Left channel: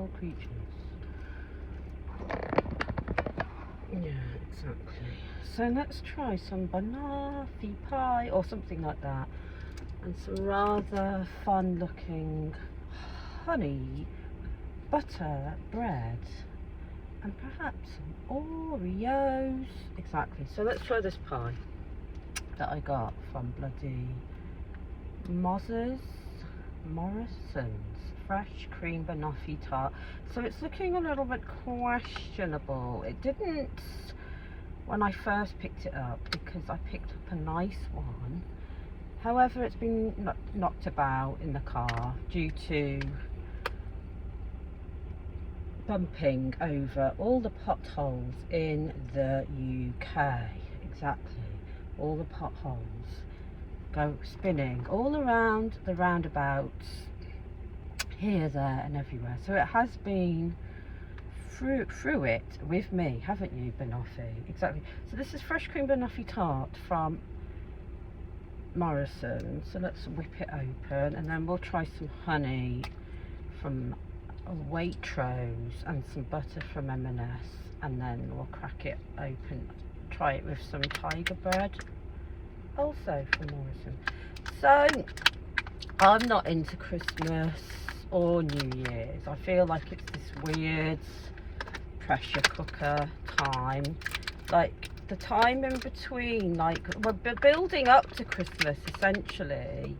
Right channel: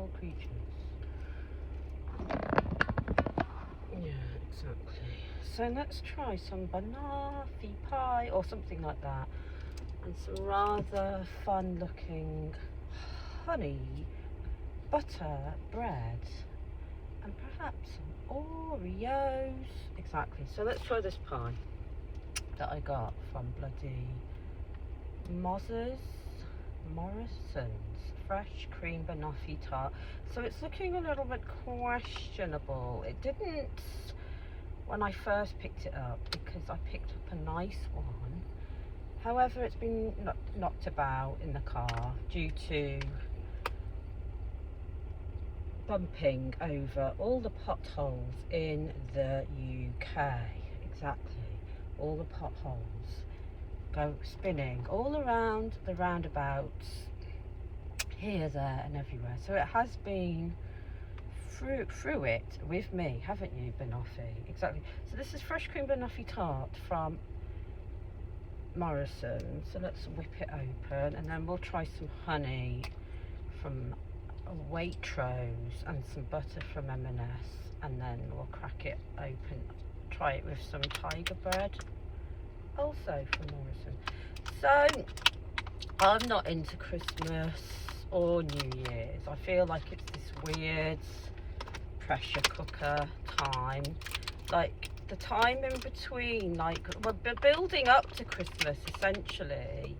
poor creatures. Yeah, exactly. So let's try some banoffee pie or something like that, and some rather fun looking honey butter bread, and perhaps some Oreos. Exactly. So let's try this pie that I got from bloody Morrison's fresh cream banoffee tart. So it's looking a little bit questionable. It didn't when I first picked it up, because I picked up a nice one. However, it's been knocked about in the car due to bumping over all the potholes in the UK. Exactly, all the potholes go spinning all around the roundabouts, here, there and everywhere. So it has been through it with me, haven't you, banoffee? Exactly. So this is fresh cream banoffee tart from Morrison. So let's whip it open, and then we'll try some honey from Waitrose and some butter from M&S, and then we'll crack it open, try it with some tiger bread, also from Morrison. So I'm not into Christmas or New Year's. I feel like it's this weird pressure cooker time, like the time in between, like we're building up to Christmas essentially,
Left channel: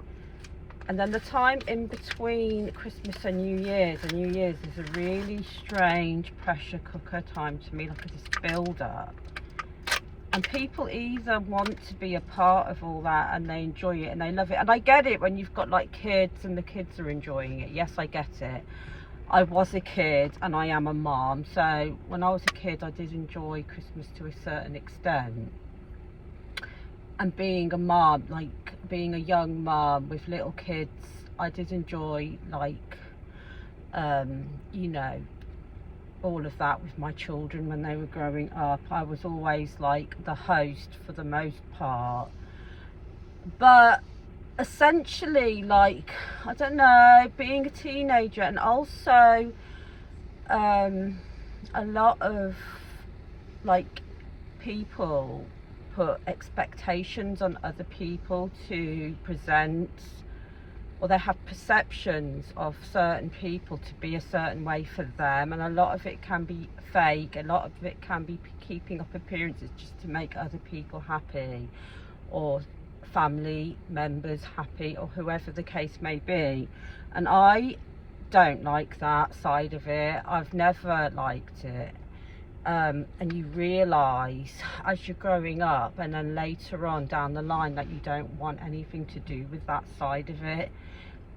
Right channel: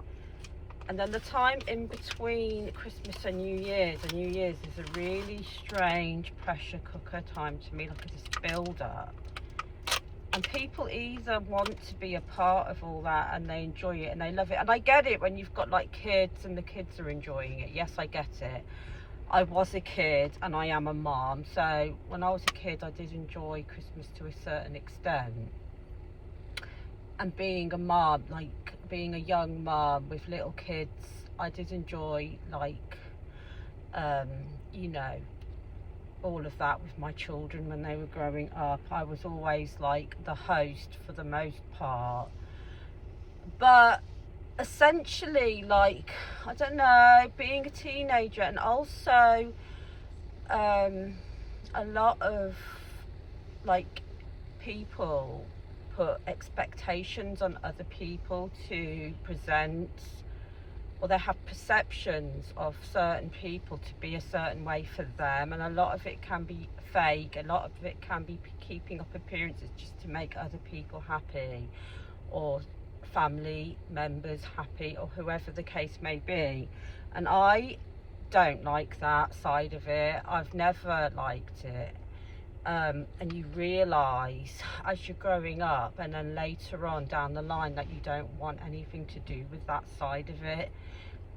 and then the time in between Christmas and New Year's, and New Year's is a really strange pressure cooker time to me, like this build up. And people either want to be a part of all that and they enjoy it and they love it. And I get it when you've got like kids and the kids are enjoying it. Yes, I get it. I was a kid and I am a mom. So when I was a kid, I did enjoy Christmas to a certain extent. And being a mom, like being a young mom with little kids, I did enjoy like, you know, all of that with my children when they were growing up. I was always like the host for the most part, but essentially, like, I don't know, being a teenager, and also a lot of like people put expectations on other people to present, or they have perceptions of certain people to be a certain way for them, and a lot of it can be fake, a lot of it can be keeping up appearances just to make other people happy, or family members happy, or whoever the case may be. And I don't like that side of it. I've never liked it. And you realise as you're growing up, and then later on down the line, that you don't want anything to do with that side of it,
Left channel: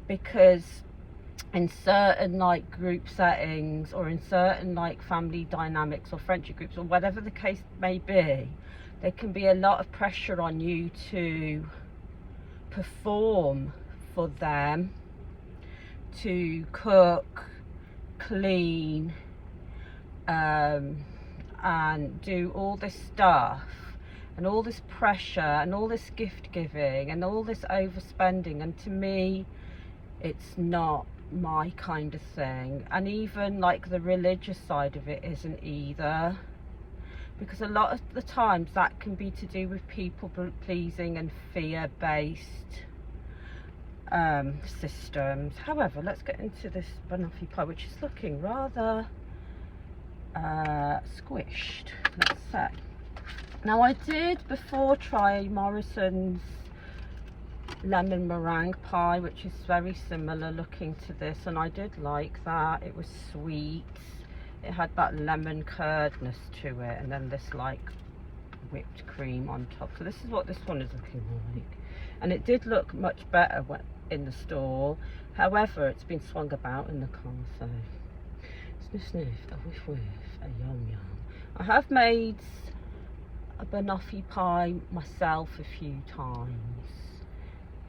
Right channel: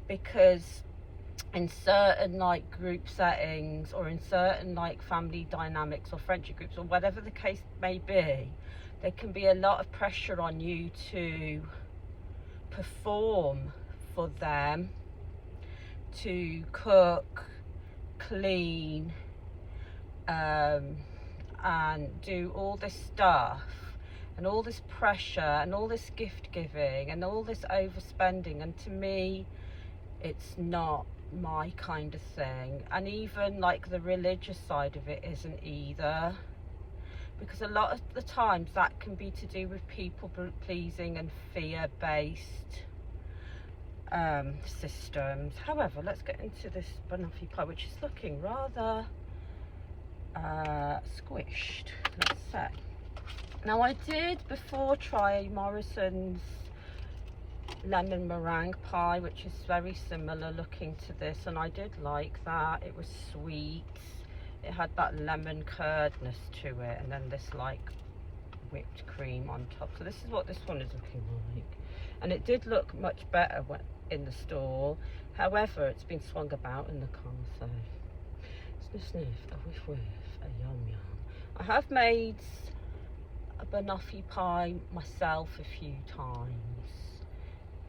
because in certain like group settings, or in certain like family dynamics or friendship groups, or whatever the case may be, there can be a lot of pressure on you to perform for them, to cook, clean, and do all this stuff, and all this pressure, and all this gift giving, and all this overspending. And to me, it's not my kind of thing. And even like the religious side of it isn't either, because a lot of the times that can be to do with people pleasing and fear-based systems. However, let's get into this banoffee pie, which is looking rather squished, let's say. Now, I did before try Morrison's lemon meringue pie, which is very similar looking to this, and I did like that. It was sweet, it had that lemon curdness to it, and then this like whipped cream on top. So this is what this one is looking like, and it did look much better in the store. However, it's been swung about in the car, so sniff sniff, a whiff whiff, a yum yum. I have made a banoffee pie myself a few times,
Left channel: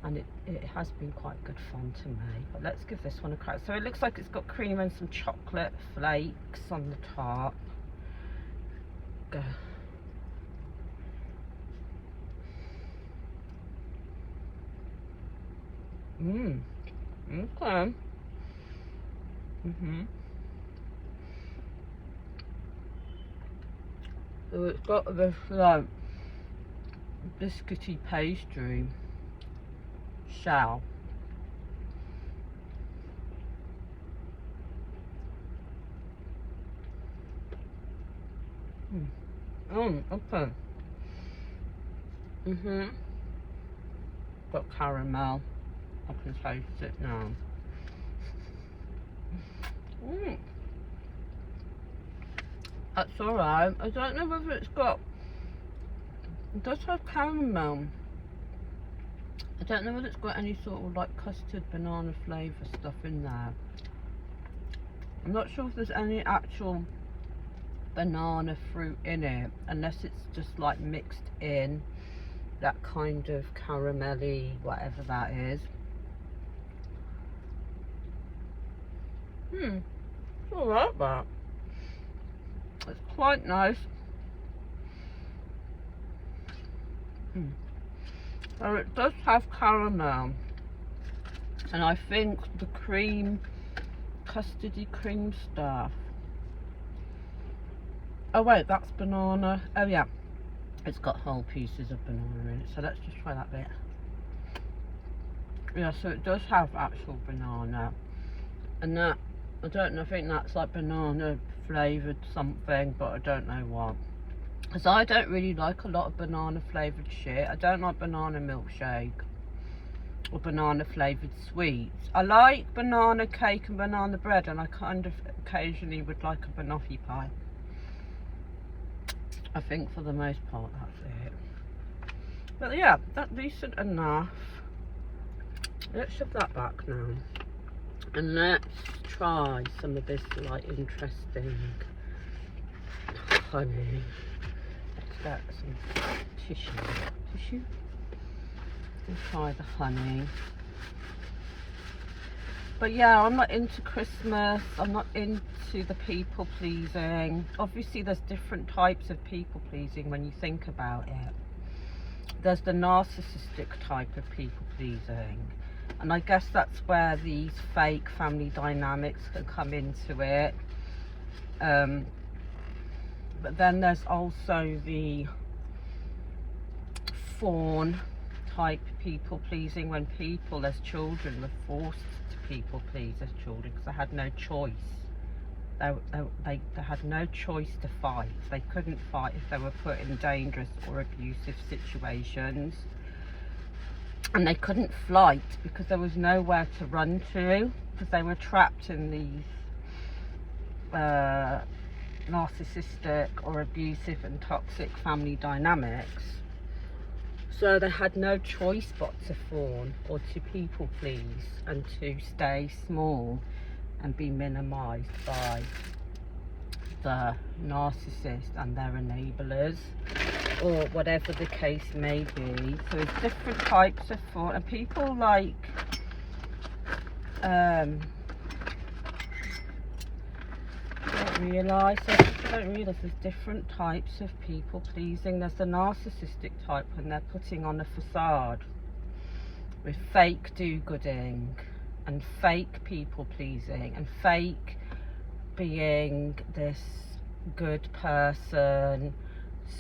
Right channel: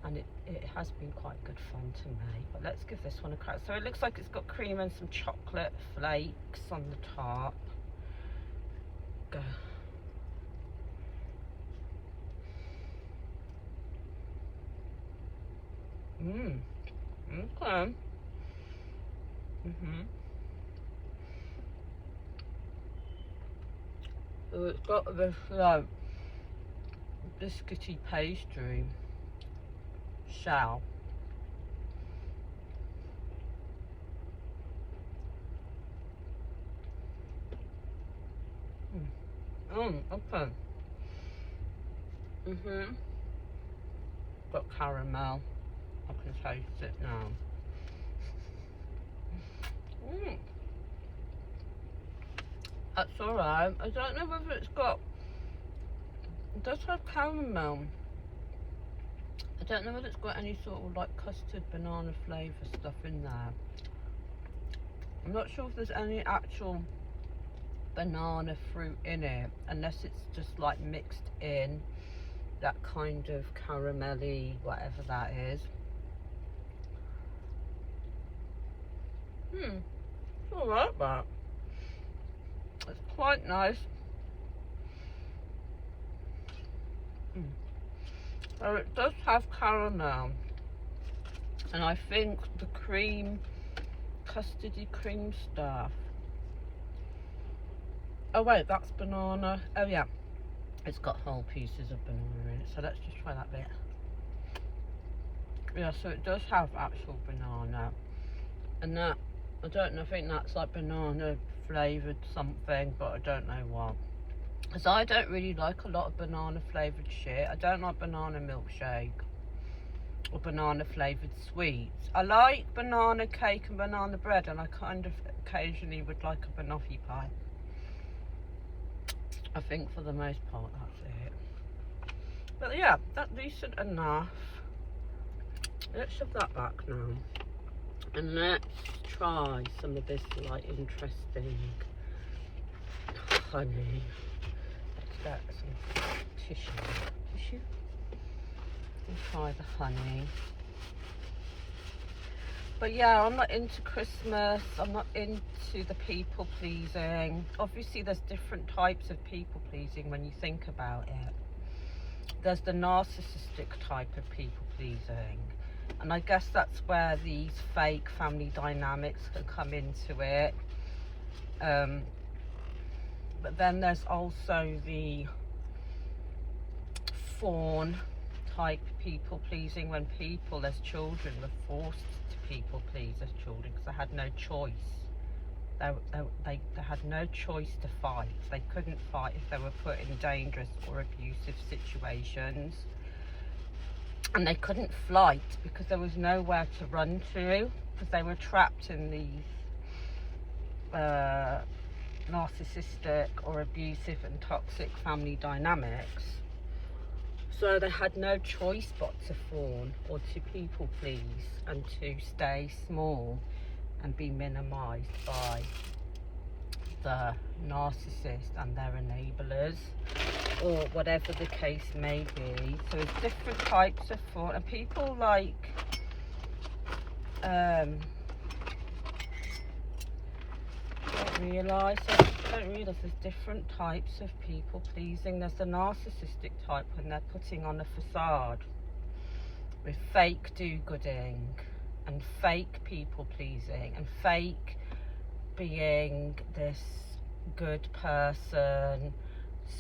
and it has been quite good fun to make. But let's give this one a crack. So it looks like it's got cream and some chocolate flakes on the top. Go. Okay. So it's got this like biscuity pastry shell. Okay. Got caramel. I can taste it now. That's alright. I don't know whether it does have caramel. I don't know whether it's got any sort of like custard banana flavour stuff in there. I'm not sure if there's any actual banana fruit in it, unless it's just like mixed in that kind of caramelly whatever that is. It's alright, that. It's quite nice. So it does have caramel, and I think the cream, custardy cream stuff. Oh wait, that's banana. Oh yeah, it's got whole pieces of banana in it. So let's just try that bit. Yeah, so it does have actual banana, and that, I don't know, I think that's like banana flavoured something, but I don't know what. Because I don't really like a lot of banana flavoured shit. I don't like banana milkshake or banana flavoured sweets. I like banana cake and banana bread, and I kind of occasionally would like a banoffee pie. I think for the most part that's it. But yeah, that's decent enough. Let's shove that back now. And let's try some of this like interesting honey. Let's get some tissue. And try the honey. But yeah, I'm not into Christmas. I'm not into the people pleasing. Obviously there's different types of people pleasing when you think about it. There's the narcissistic type of people pleasing, and I guess that's where these fake family dynamics can come into it. But then there's also the fawn type people pleasing, when people as children were forced to people please as children because they had no choice. They had no choice to fight. They couldn't fight if they were put in dangerous or abusive situations. And they couldn't flight because there was nowhere to run to, because they were trapped in these narcissistic or abusive and toxic family dynamics. So they had no choice but to fawn or to people please and to stay small and be minimised by the narcissist and their enablers, or whatever the case may be. So there's different types of fawn, and people like don't realise there's different types of people pleasing. There's the narcissistic type when they're putting on a facade with fake do-gooding and fake people pleasing and fake being this good person,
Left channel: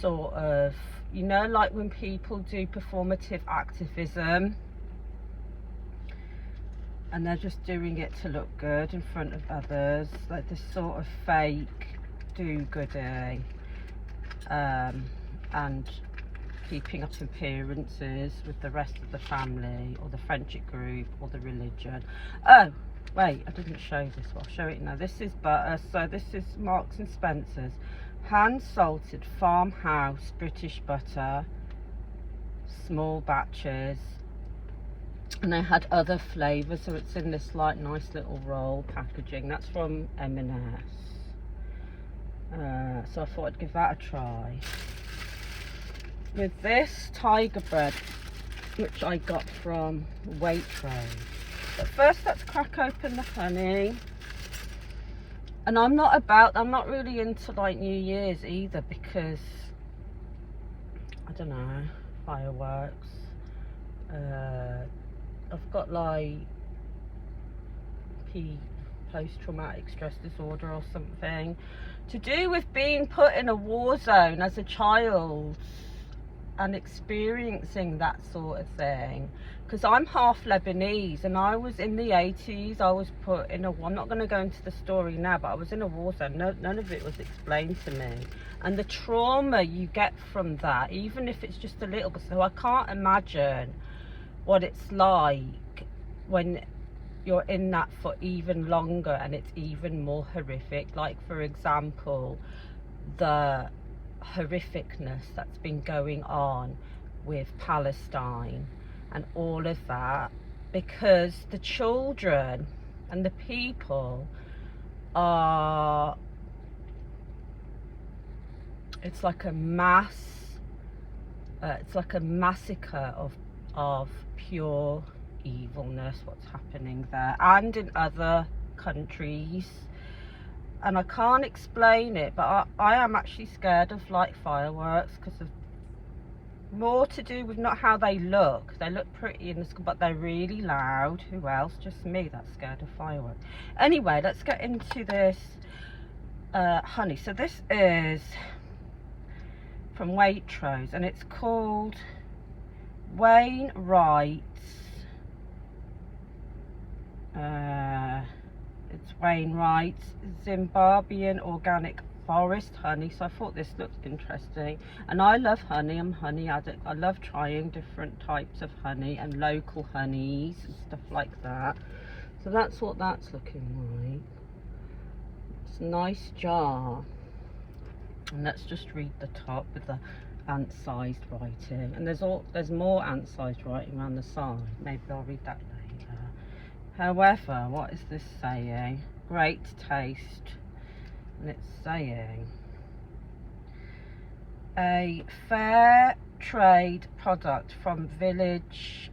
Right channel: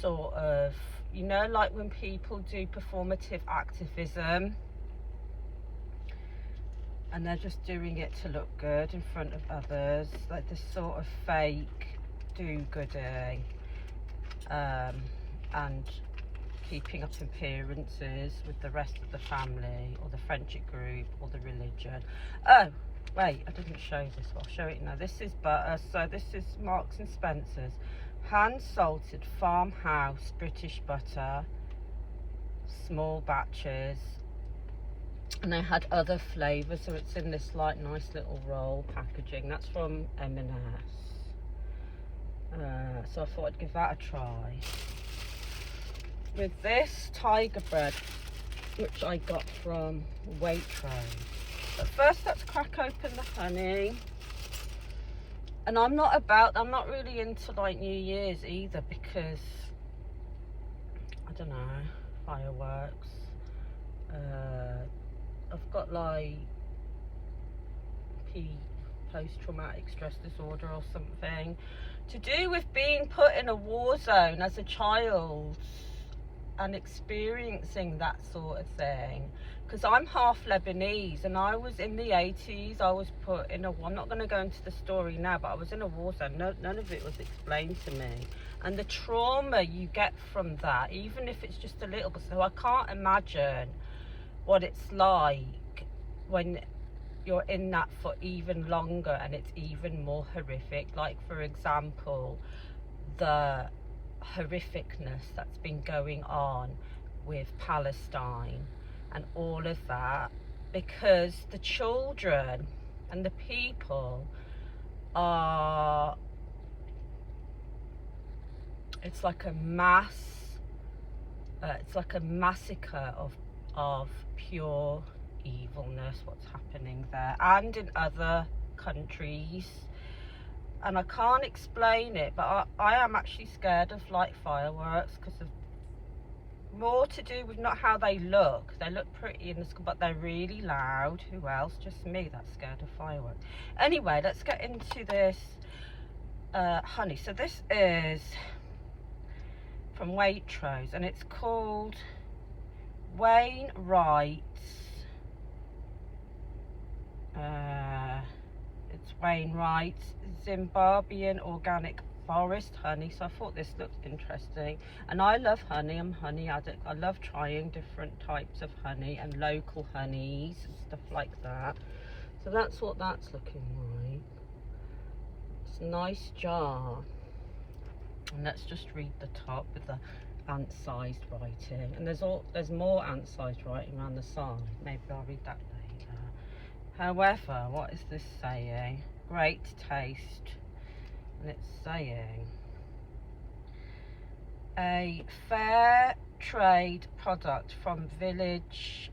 sort of, you know, like when people do performative activism and they're just doing it to look good in front of others, like this sort of fake do-gooding, and keeping up appearances with the rest of the family or the friendship group or the religion. Oh wait, I didn't show this one. I'll show it now. This is butter. So this is Marks and Spencer's hand salted farmhouse British butter, small batches, and they had other flavours, so it's in this like nice little roll packaging. That's from M&S. So I thought I'd give that a try. With this tiger bread, which I got from Waitrose. But first let's crack open the honey. And I'm not really into like New Year's either, because I don't know, fireworks. I've got like post-traumatic stress disorder or something, to do with being put in a war zone as a child and experiencing that sort of thing. Because I'm half Lebanese, and I was in the 80s, I was put in a, I'm not going to go into the story now, but I was in a war zone. None of it was explained to me. And the trauma you get from that, even if it's just a little bit, so I can't imagine what it's like when you're in that for even longer and it's even more horrific. Like, for example, the horrificness that's been going on with Palestine and all of that, because the children and the people are, it's like a massacre of pure evilness what's happening there and in other countries. And I can't explain it, but I am actually scared of like fireworks, because of more to do with not how they look. They look pretty in the sky, but they're really loud. Who else? Just me that's scared of fireworks. Anyway, let's get into this honey. So this is from Waitrose, and it's called Wainwright's. It's Wainwright's Zimbabwean organic forest honey. So I thought this looked interesting, and I love honey. I'm a honey addict. I love trying different types of honey and local honeys and stuff like that. So that's what that's looking like. It's a nice jar, and let's just read the top with the ant-sized writing, and there's more ant-sized writing around the side. Maybe I'll read that later. However, what is this saying? Great taste. And it's saying a fair trade product from village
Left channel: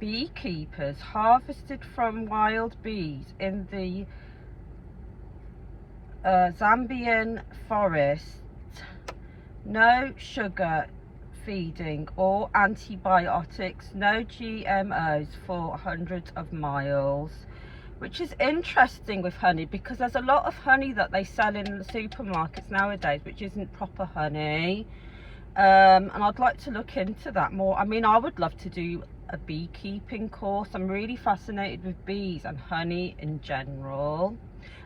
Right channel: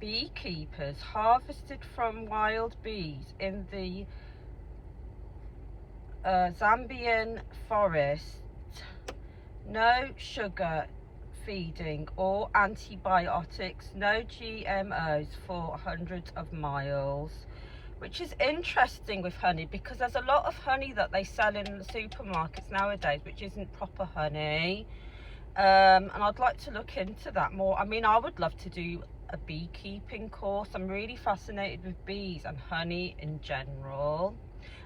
beekeepers, harvested from wild bees in the Zambian forest. No sugar feeding or antibiotics, no GMOs for hundreds of miles. Which is interesting with honey, because there's a lot of honey that they sell in the supermarkets nowadays which isn't proper honey, and I'd like to look into that more. I mean, I would love to do a beekeeping course. I'm really fascinated with bees and honey in general.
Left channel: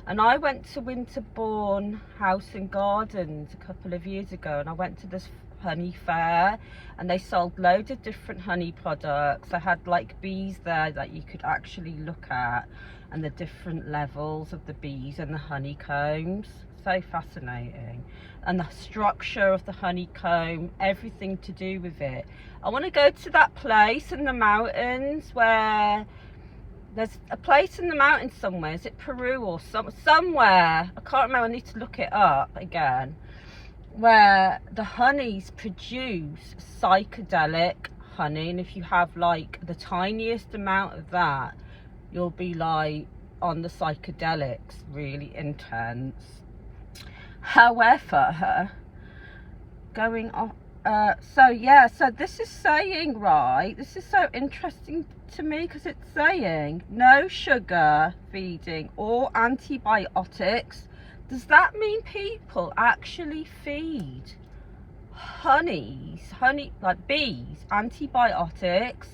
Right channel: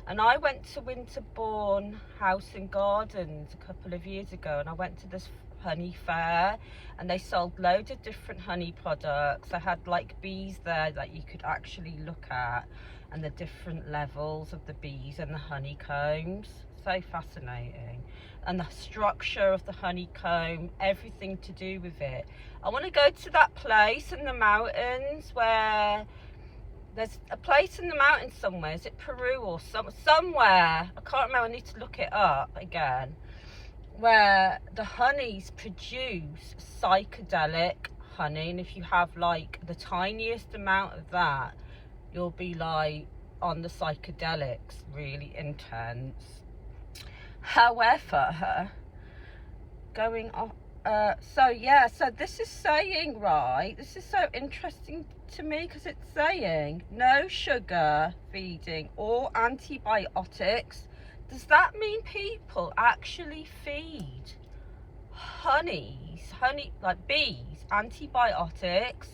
And I went to Winterbourne House and Gardens a couple of years ago, and I went to this honey fair, and they sold loads of different honey products. I had like bees there that you could actually look at, and the different levels of the bees and the honeycombs. So fascinating. And the structure of the honeycomb, everything to do with it. I want to go to that place in the mountains where there's a place in the mountains somewhere. Is it Peru or somewhere? I can't remember. I need to look it up again. Where the honeys produce psychedelic honey, and if you have like the tiniest amount of that, you'll be like on the psychedelics, really intense. However, going off, so yeah, so this is saying, right, this is so interesting to me, because it's saying no sugar feeding or antibiotics. Does that mean people actually feed honey, like bees, antibiotics?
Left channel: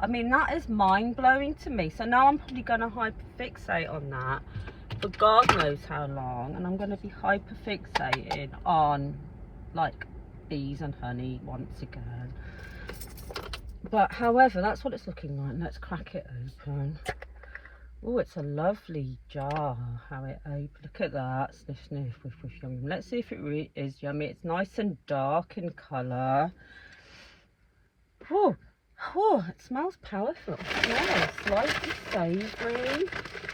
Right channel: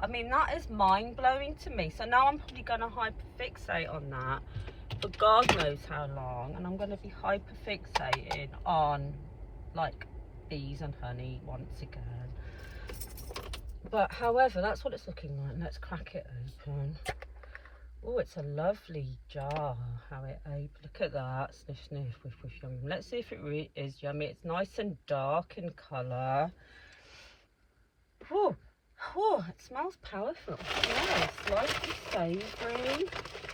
I mean, that is mind-blowing to me. So now I'm probably going to hyperfixate on that for God knows how long, and I'm going to be hyperfixating on like bees and honey once again. But however, that's what it's looking like. Let's crack it open. Oh, it's a lovely jar, how it opens. Look at that. Sniff, sniff, whiff, whiff, yum. Let's see if it really is yummy. It's nice and dark in colour. Oh, oh, it smells powerful. It smells slightly savoury,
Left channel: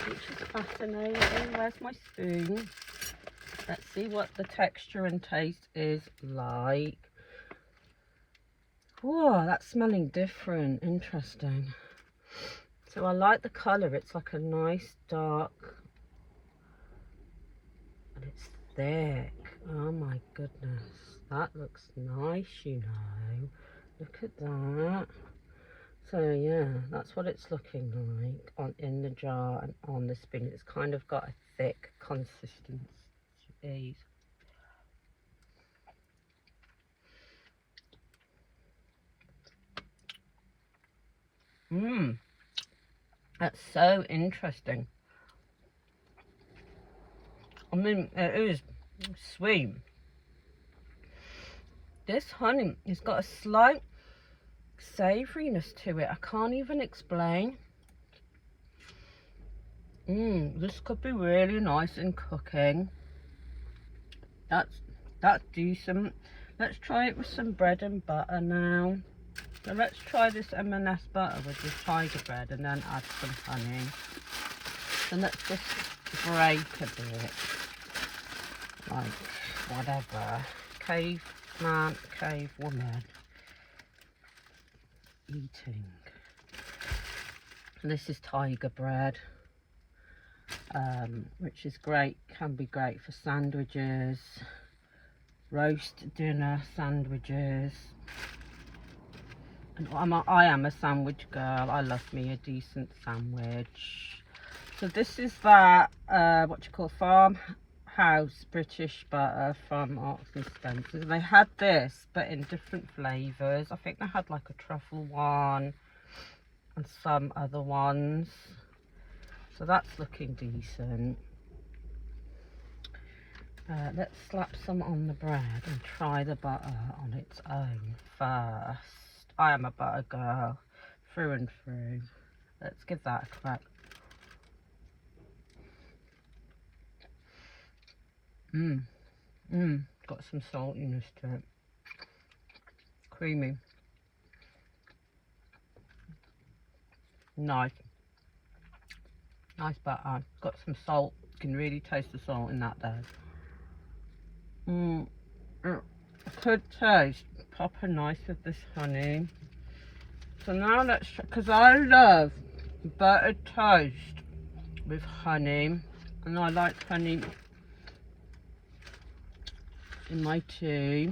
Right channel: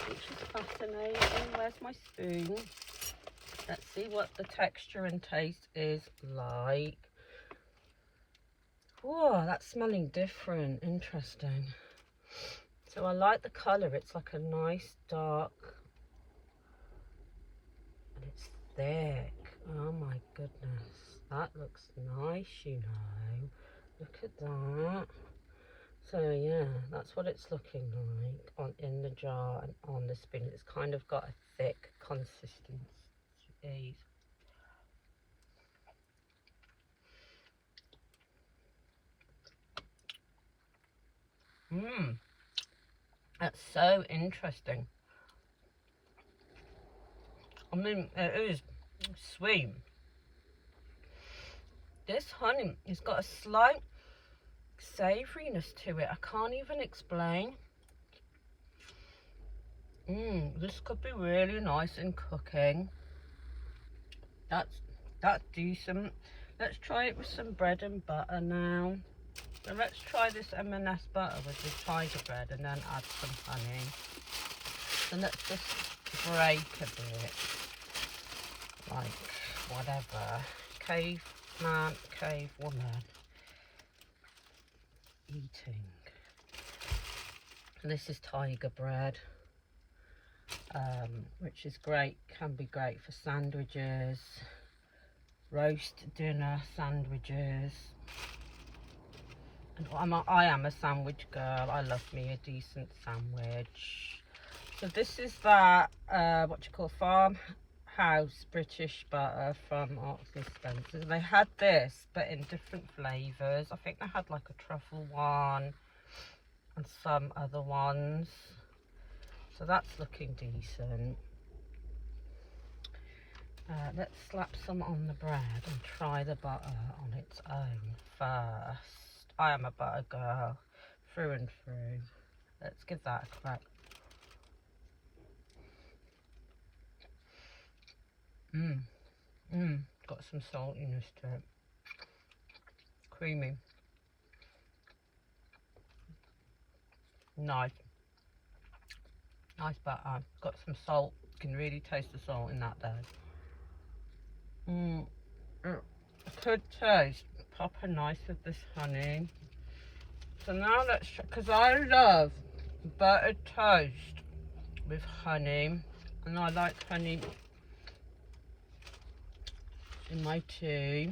which is fascinating. Where's my spoon? Let's see what the texture and taste is like. Oh, that's smelling different. Interesting. So I like the colour. It's like a nice dark, and it's thick. Oh my goodness, that looks nice, you know. Look at that. So yeah, that's what it's looking like on in the jar and on the spoon. It's kind of got a thick consistency. That's so interesting. I mean, it is sweet. This honey has got a slight savouriness to it. I can't even explain. This could be really nice in cooking. That's decent. Let's try it with some bread and butter now. So let's try this M&S butter with this tiger bread and then add some honey. So let's just break a bit. Like, whatever. Caveman, cave woman. Eating. And this is tiger bread. Which is great, can be great for sandwiches, roast dinner sandwiches. And I am a sandwich girl. I love me a decent sandwich. So this is that what you call farmhouse British butter from Marks and Spencer's. And they had this but in different flavours. I think they had like a truffle one and some other ones. So that's looking decent. Let's slap some on the bread and try the butter on its own first. I am a butter girl through and through. Let's give that a crack. Got some saltiness to it. Creamy. Nice. Nice butter. Got some salt. You can really taste the salt in that there. Could taste proper nice with this honey. So now let's try, because I love buttered toast with honey, and I like honey in my tea.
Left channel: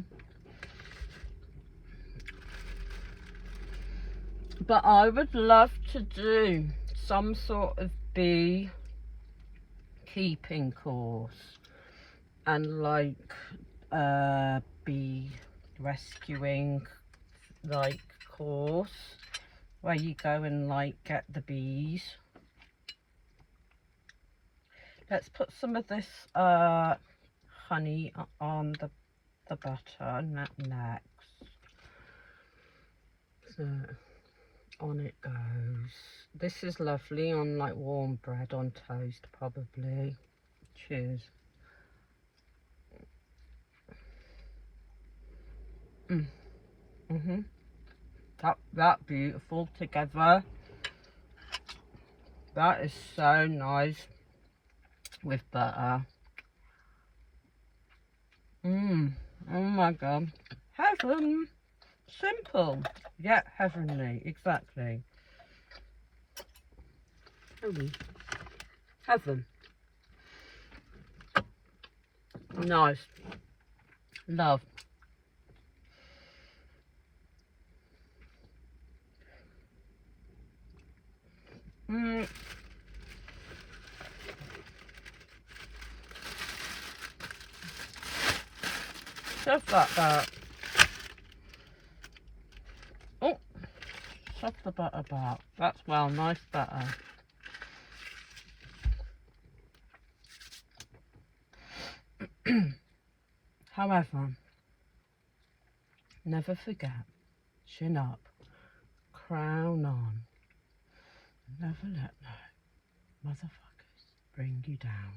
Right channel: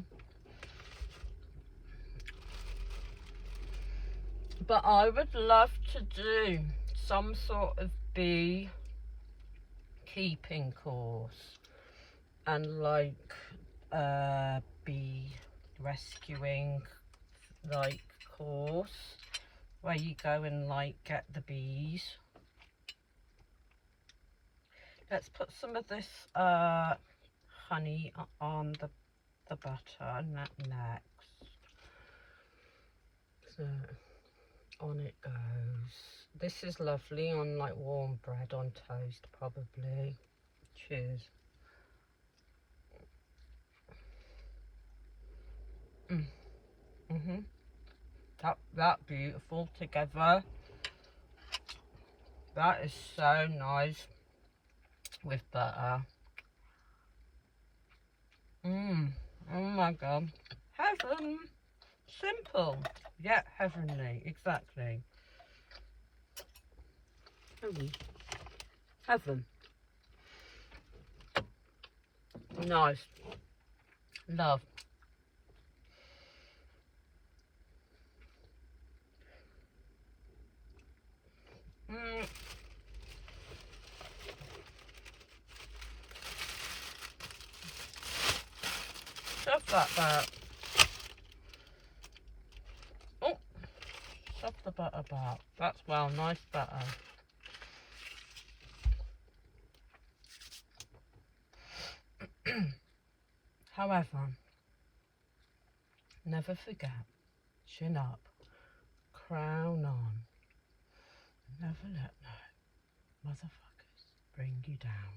But I would love to do some sort of bee keeping course and like bee rescuing like course where you go and like get the bees. Let's put some of this honey on the butter next. So on it goes. This is lovely on like warm bread on toast probably. Cheers. That beautiful together. That is so nice with butter. Oh my god. Heaven. Simple yet heavenly. Exactly. Heaven. Nice. Love. Shove that back. Oh, shove the butter back. That's well, nice butter. However, never forget, chin up, crown on. Never let no motherfuckers bring you down.